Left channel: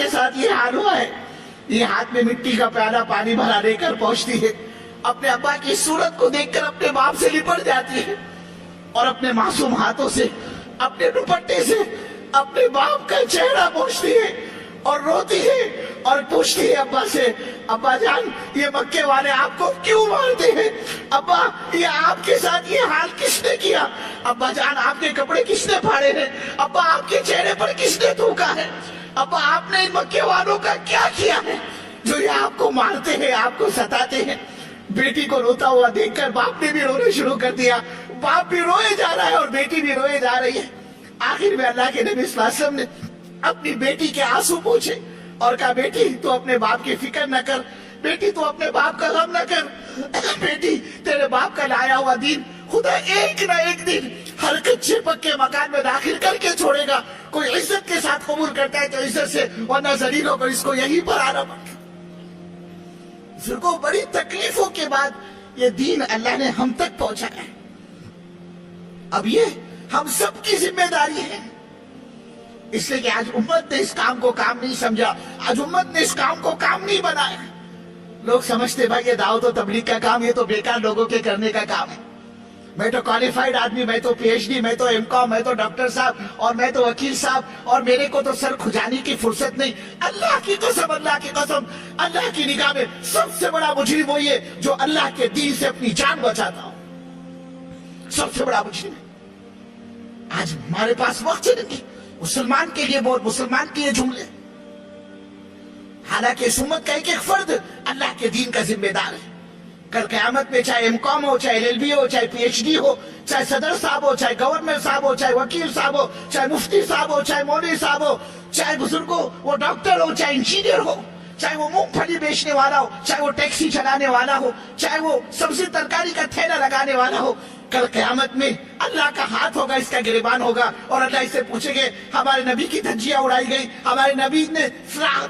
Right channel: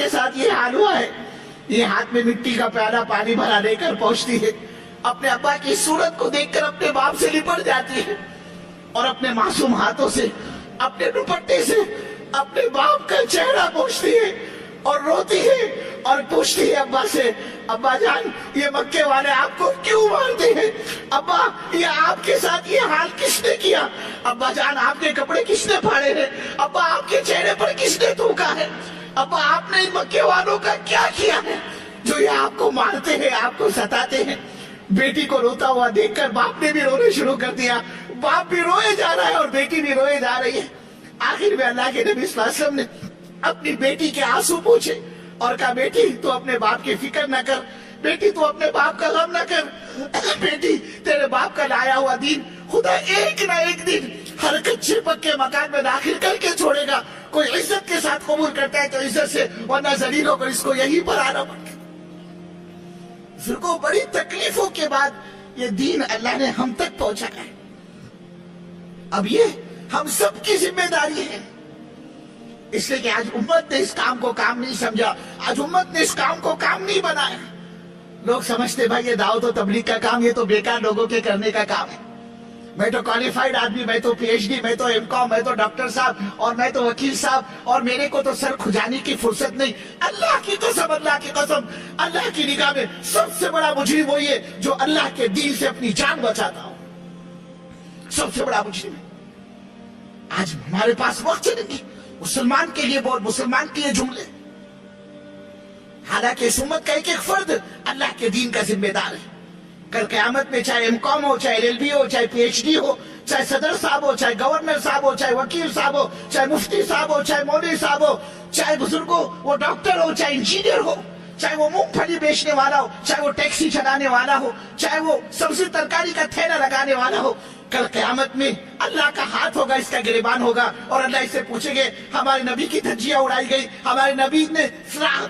کے ساتھ یہ حال ہوا ہے. یہ ہاتھ میں مٹی کا پیالہ پانی بھرا لے کر پہنچتی ہے, اپنے ابا کی صورت کو دیکھ کر اپنے باپ سے لپٹ جاتی ہے اور اپنے معصوم ہاتھوں سے, اپنے دوپٹے سے اپنے باپ کا چہرہ پوچھتی ہے اور روتی ہے اور پوچھتی ہے ابا سے, ابا جان یہ مکے والے آپ کو کیوں مارتے ہیں؟ ابا یہ آپ کے ساتھ یہ حال کس نے کیا؟ ابا جان آپ کے کپڑے کس نے پھاڑے ہیں؟ ابا آپ کے چہرے پر کس نے تھوکا ہے؟ ابا آپ نے ان مکے والوں کا کیا کیا ہے جو یہ آپ کو مارتے ہیں, آپ کو ستاتے ہیں؟ بیٹی کو روتا ہوا دیکھ کر باپ نے بھی رونا شروع کر دیا. باپ بھی روئے جا رہا ہے اور بیٹی بھی روئے جا رہی ہے. آخر میں اللہ کے نبی صلی اللہ علیہ وسلم نے اپنی بیٹی کے آنسو پوچھے اور کہا بیٹی تو اپنے باپ کی فکر نہ کر, بیٹی تو اپنے باپ کا غم نہ کر, بیٹی تیرے باپ کا لایا ہوا دین خدا ایک نہ ایک دن ہر کچے پکے مکان میں داخل کر کے چھوڑے گا. کوئی عزت کے ساتھ قبول کرتا ہے تو عزت سے, ورنہ ذلیل ہو کر اس کو یہیں پر آنا پڑتا. پھر کو بڑی تکلیفوں کے بعد یہ دین اللہ نے ہم تک پہنچایا ہے. اب یہ ہم سب کی ذمہ داری ہے, اس لیے کہ آج امت نے اس کام کو کام نہیں سمجھا, آج امت نے اس کام کو کام نہیں بنایا. لوگ سمجھتے بھائی یہ دعوت و تبلیغ کا کام یہ تو بیکار لوگوں کے کرنے کا کام ہے. میں تو کوالیفائڈ آدمی, میں تو پی ایچ ڈی, میں تو ایم کام, میں تو ڈاکٹر صاحب اور میں تو وکیل صاحب, اور میرے کو تو سر کھجانے کی فرصت نہیں. اللہ کی قسم, اللہ کی قسم, اللہ کی نگاہ میں سب سے بڑا مجرم وہی ہے جو اللہ کے دین سے اپنی جان بچاتا ہو. سب سے بڑا مجرم ہے. آج ہمارے پاس وقت نہیں مسلمان کے لیے بول, مسلمان کے لیے جملے. حالانکہ اس امت کا ایک ایک فرد اللہ کے دین کا ذمہ دار ہے. کل قیامت میں چاہے ایم کام ہو, چاہے ایل ایل بی ہو, چاہے پی ایچ ڈی ہو, چاہے صدر صاحب ہو, چاہے گورنر صاحب ہو, چاہے وکیل صاحب ہو, چاہے مفتی صاحب ہو, چاہے مولوی صاحب ہو, چاہے بزرگ ہو, وہ ڈاکٹر ہو, چاہے انجینئر ہو, چاہے وہ مونگ پھلی بیچنے والا ہو, چاہے وہ ٹیکسی چلانے والا ہو, چاہے وہ سبزی ترکاری کا تھیلا لگانے والا ہو, کل قیامت میں اللہ کا ہاتھ ہوگا, اس کا گریبان ہوگا اور اللہ اس سے پوچھیں گے ہمارے نبی کی دھجیاں اڑائی گئی, ہمارے نبی نے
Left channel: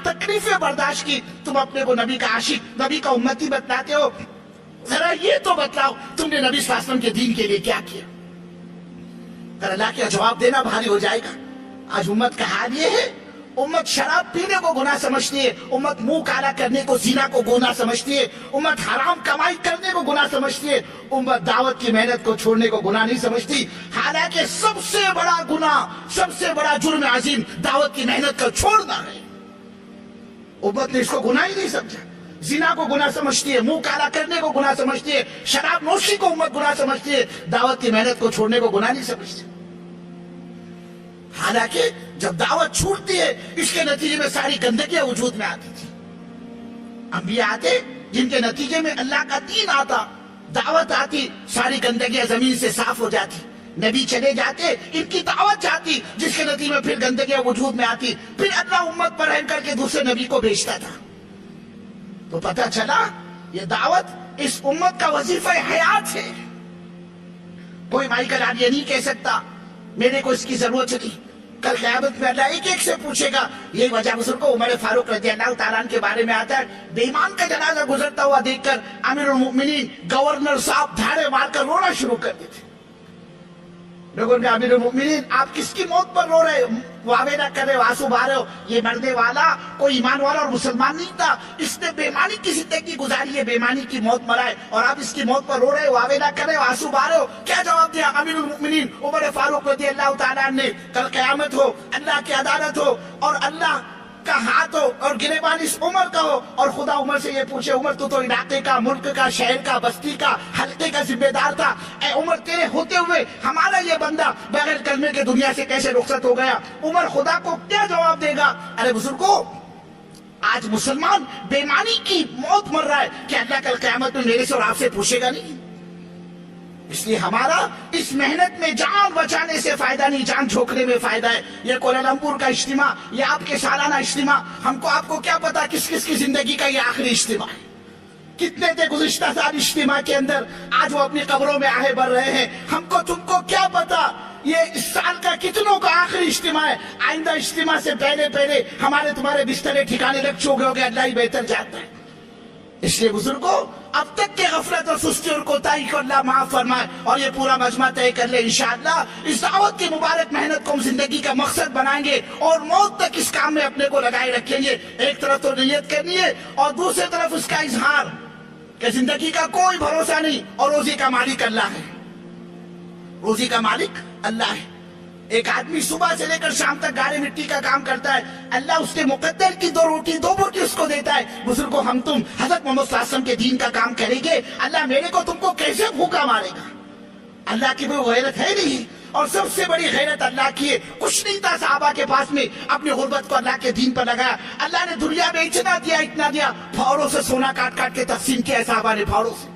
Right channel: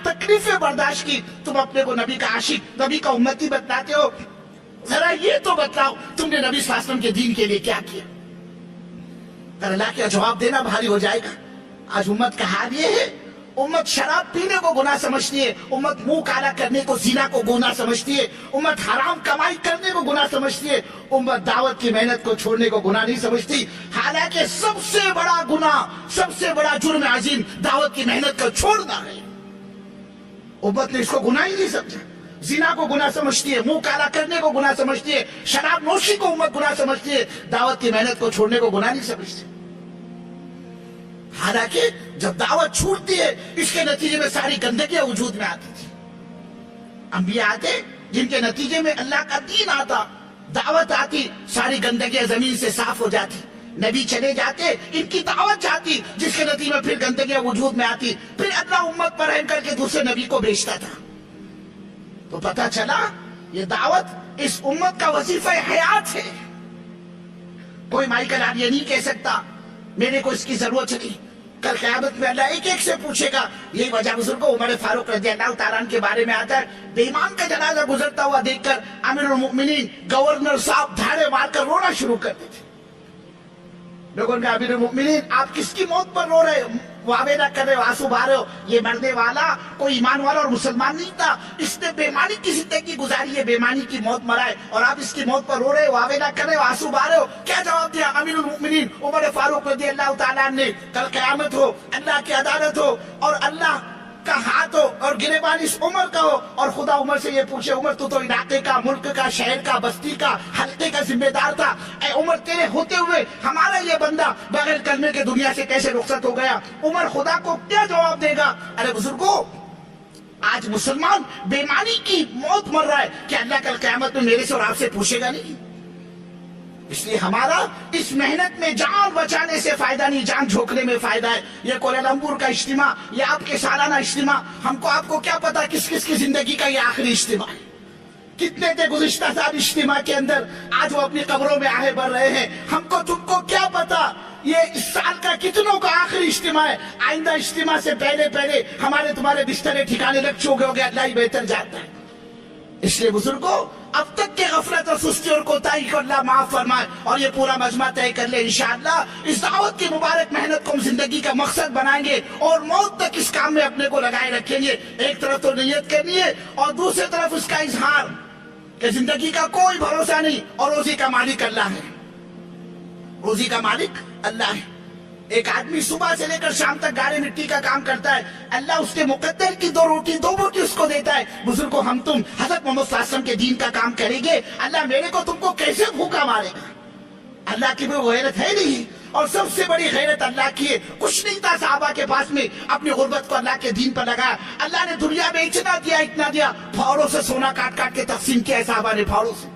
تکلیفیں برداشت کی, تم اپنے کو نبی کا عاشق, نبی کا امتی بتلاتے ہو, ذرا یہ تو بتلاؤ تم نے نبی صلی اللہ علیہ وسلم کے دین کے لیے کیا کیا؟ اللہ کا جواب دینا بھاری ہو جائے گا. آج امت کا حال یہ ہے, امت شراب پینے کو گناہ سمجھتی ہے, امت منہ کالا کرنے کو زنا کو گناہ سمجھتی ہے, امت حرام کمائی کرنے کو گناہ سمجھتی ہے, امت دعوت کی محنت کو چھوڑنے کو گناہ نہیں سمجھتی. حالانکہ سب سے بڑا گناہ, سب سے بڑا جرم عظیم دعوت کی محنت کو چھوڑنا ہے. امت نے اس کو گناہ ہی نہیں سمجھا. زنا کو گناہ سمجھتی ہے, منہ کالا کرنے کو گناہ سمجھتی ہے, شراب نوشی کو امت گناہ سمجھتی ہے, دعوت کی محنت کو چھوڑنے کو گناہ نہیں سمجھتی. حالانکہ جب دعوت چھوٹتی ہے اس کے نتیجے میں ساری گندگیاں وجود میں آتی تھی. انبیاء آتے جن کے نتیجے میں اللہ کا دین آتا, دعوت آتی, ساری گندگیاں زمین سے صاف ہو جاتی. نبی چلے جاتے, ان کی دعوت جاتی, جس کے نتیجے میں پھر گندگیاں وجود میں آتی, پھر اللہ امت پر رحم کر کے دوسرے نبی کو بھیجتا تھا. تو پتہ چلا یہ دعوت اس امت کا وظیفہ حیات ہے. کوئی مائیکل آر یہ نہیں کہہ سکتا میرے کو اس کی ضرورت نہیں. کل قیامت میں اللہ ایک ایک سے پوچھے گا. یہی وجہ بزرگوں عمر فاروق رضی اللہ تعالیٰ عنہ کے بارے میں آتا ہے, بے ایمان کا جنازہ گزرتا ہوا دیکھ کر امیر المؤمنین گورنر صاحب دھاڑے مار کر رونا شروع کر دیتے. لوگوں نے کہا امیر المؤمنین آپ کس کی موت پر رو رہے ہو, واوے نہ کر رہے ہو, آنسو بہا رہے ہو؟ یہ مرنے والا کوئی ایمان والا اور مسلمان نہیں تھا, اس نے بےمانی کی زندگی گزاری ہے, بےمانی کی موت مرا ہے, اور آپ اس کی موت پر رو رہے ہو, واوے نہ کر رہے ہو, آنسو بہا رہے ہو؟ کیا جواب دیا امیر المؤمنین عمر فاروق رضی اللہ تعالیٰ عنہ نے؟ کل قیامت ہو, اللہ کی عدالت ہو, اور اللہ کا ہاتھ ہو اور گریبان اس عمر کا ہو, اور خدا عمر سے یہ پوچھے عمر تو علاقے کا, ملک کا, شہر کا, بستی کا, حلقے کا ذمہ دار تھا, اے عمر تیرے ہوتے ہوئے ہمارا یہ بندہ بغیر کلمے کے دنیا سے کیسے رخصت ہو گیا؟ عمر خدا کو کیا جواب دے گا؟ ارے بزرگوں آج مسلمان بےمانی کی موت مر رہا ہے, کہ اللہ کل قیامت میں میرے سے اور آپ سے پوچھے گا نہیں؟ اس لیے ہمارا اس محنت میں جان بچانے سے فائدہ نہیں, جان جھونکنے میں فائدہ ہے. یہ کوالالمپور کا اجتماع, یہ آپ کے سالانہ اجتماع, ہم کو آپ کو کیا پتا کس کس کی زندگی کا یہ آخری اجتماع ہے. کتنے تھے گزشتہ سال اجتماع کے اندر, آج وہ اپنی قبروں میں آہے بھر رہے ہیں. ہم کو تم کو کیا پتا یہ اس سال کا کتنوں کا آخری اجتماع ہے. آئندہ اجتماع سے پہلے پہلے ہمارے تمہارے بسترے ٹھکانے لگ چکے ہو گے, اللہ ہی بہتر جانتا ہے. اس لیے بزرگوں اب تک کے غفلت اور سستی اور کوتاہی کو اللہ معاف فرمائے اور یہ پورا مجمع طے کر لے انشاءاللہ اس دعوت کی مبارک محنت کو ہم زندگی کا مقصد بنائیں گے اور موت تک اس کام میں اپنے کو لگائے رکھیں گے. ایک طرف تو نیت کرنی ہے اور دوسری طرف اس کا اظہار کہ زندگی کا کوئی بھروسہ نہیں اور روزی کا مالک اللہ ہے. روزی کا مالک اللہ ہے. ایک آدمی صبح سے لے کر شام تک گاڑی مٹی کا کام کرتا ہے, اللہ اس کے مقدر کی دو بوٹی اس کو دیتا ہے. بزرگوں ہم تم حضرت محمد صلی اللہ علیہ وسلم کے دین کا کام کریں گے, اللہ میرے کو تم کو کیسے بھوکا مارے گا؟ اللہ کی کوئی غیرت ہے نہیں. اور سب سے بڑی غیرت اللہ کی ہے. کچھ نہیں تھا صحابہ کے پاس میں, اپنی غربت کو اللہ کے دین پر لگایا. اللہ نے دنیا میں اتنا دیا اتنا دیا, پھاوڑوں سے سونا کاٹ کاٹ کے تقسیم کیا صحابہ نے, پھاوڑوں سے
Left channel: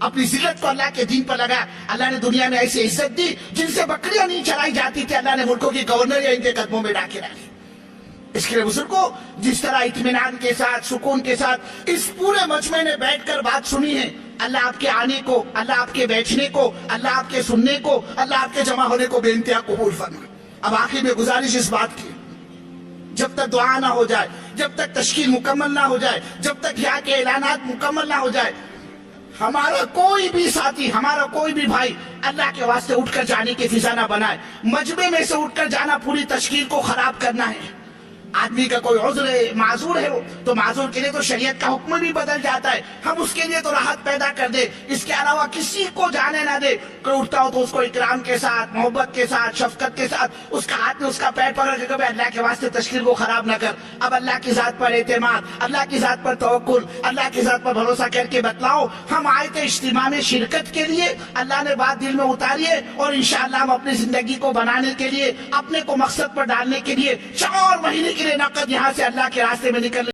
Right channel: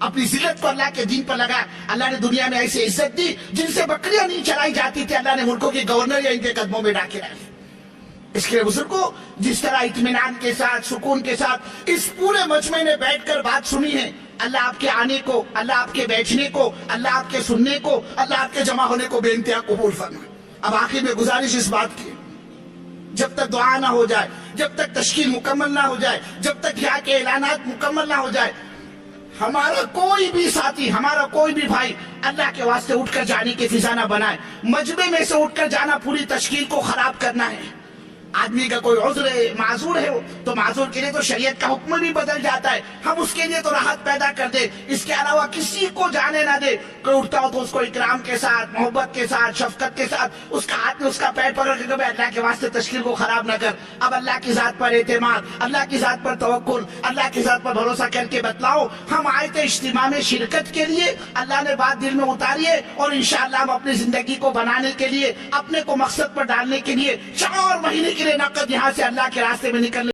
اپنی ذلت کو اللہ کے دین پر لگایا. اللہ نے دنیا میں ایسی عزت دی جن سے بکریاں نہیں چرائی جاتی تھی, اللہ نے ملکوں کی گورنر یا ان کے قدموں میں ڈاکے ڈالی. اس کے لیے بزرگوں جس طرح اطمینان کے ساتھ سکون کے ساتھ اس پورے مجمع نے بیٹھ کر بات سنی ہے, اللہ آپ کے آنے کو, اللہ آپ کے بیٹھنے کو, اللہ آپ کے سننے کو, اللہ آپ کے جمع ہونے کو بے انتہا قبول فرمائے. اب آخر میں گزارش اس بات کی, جب تک دعا نہ ہو جائے, جب تک تشکیل مکمل نہ ہو جائے, جب تک یہاں کے اعلانات مکمل نہ ہو جائے, ہمارا کوئی بھی ساتھی, ہمارا کوئی بھی بھائی اللہ کے واسطے اٹھ کر جانے کی فضا نہ بنائے. مجمع میں سے اٹھ کر جانا پوری تشکیل کو خراب کرنا ہے. آدمی کا کوئی عذر ہے, معذور ہے, تو معذور کے لیے تو شریعت کا حکم بھی بدل جاتا ہے, ہم اس کے لیے تو راحت پیدا کر دے. اس کے علاوہ کسی کو جانے نہ دے. کوئی اٹھتا ہو تو اس کو اکرام کے ساتھ, محبت کے ساتھ, شفقت کے ساتھ اس کا ہاتھ میں اس کا پیر پکڑ کے کہ اللہ کے واسطے تشکیل کو خراب نہ کر. اب اللہ کی ذات پر اعتماد, اللہ کی ذات پر توکل, اللہ کی ذات پر بھروسہ کر کے بتلاؤ. ہم آئے تھے اجتماع میں شرکت کے لیے, اللہ نے بات دل میں اتاری ہے اور انشاءاللہ ہم اپنی زندگی کو بنانے کے لیے, اپنے کو مقصد پر ڈالنے کے لیے 4 مہینے کے لیے نقد یہاں سے اللہ کے راستے میں نکلنے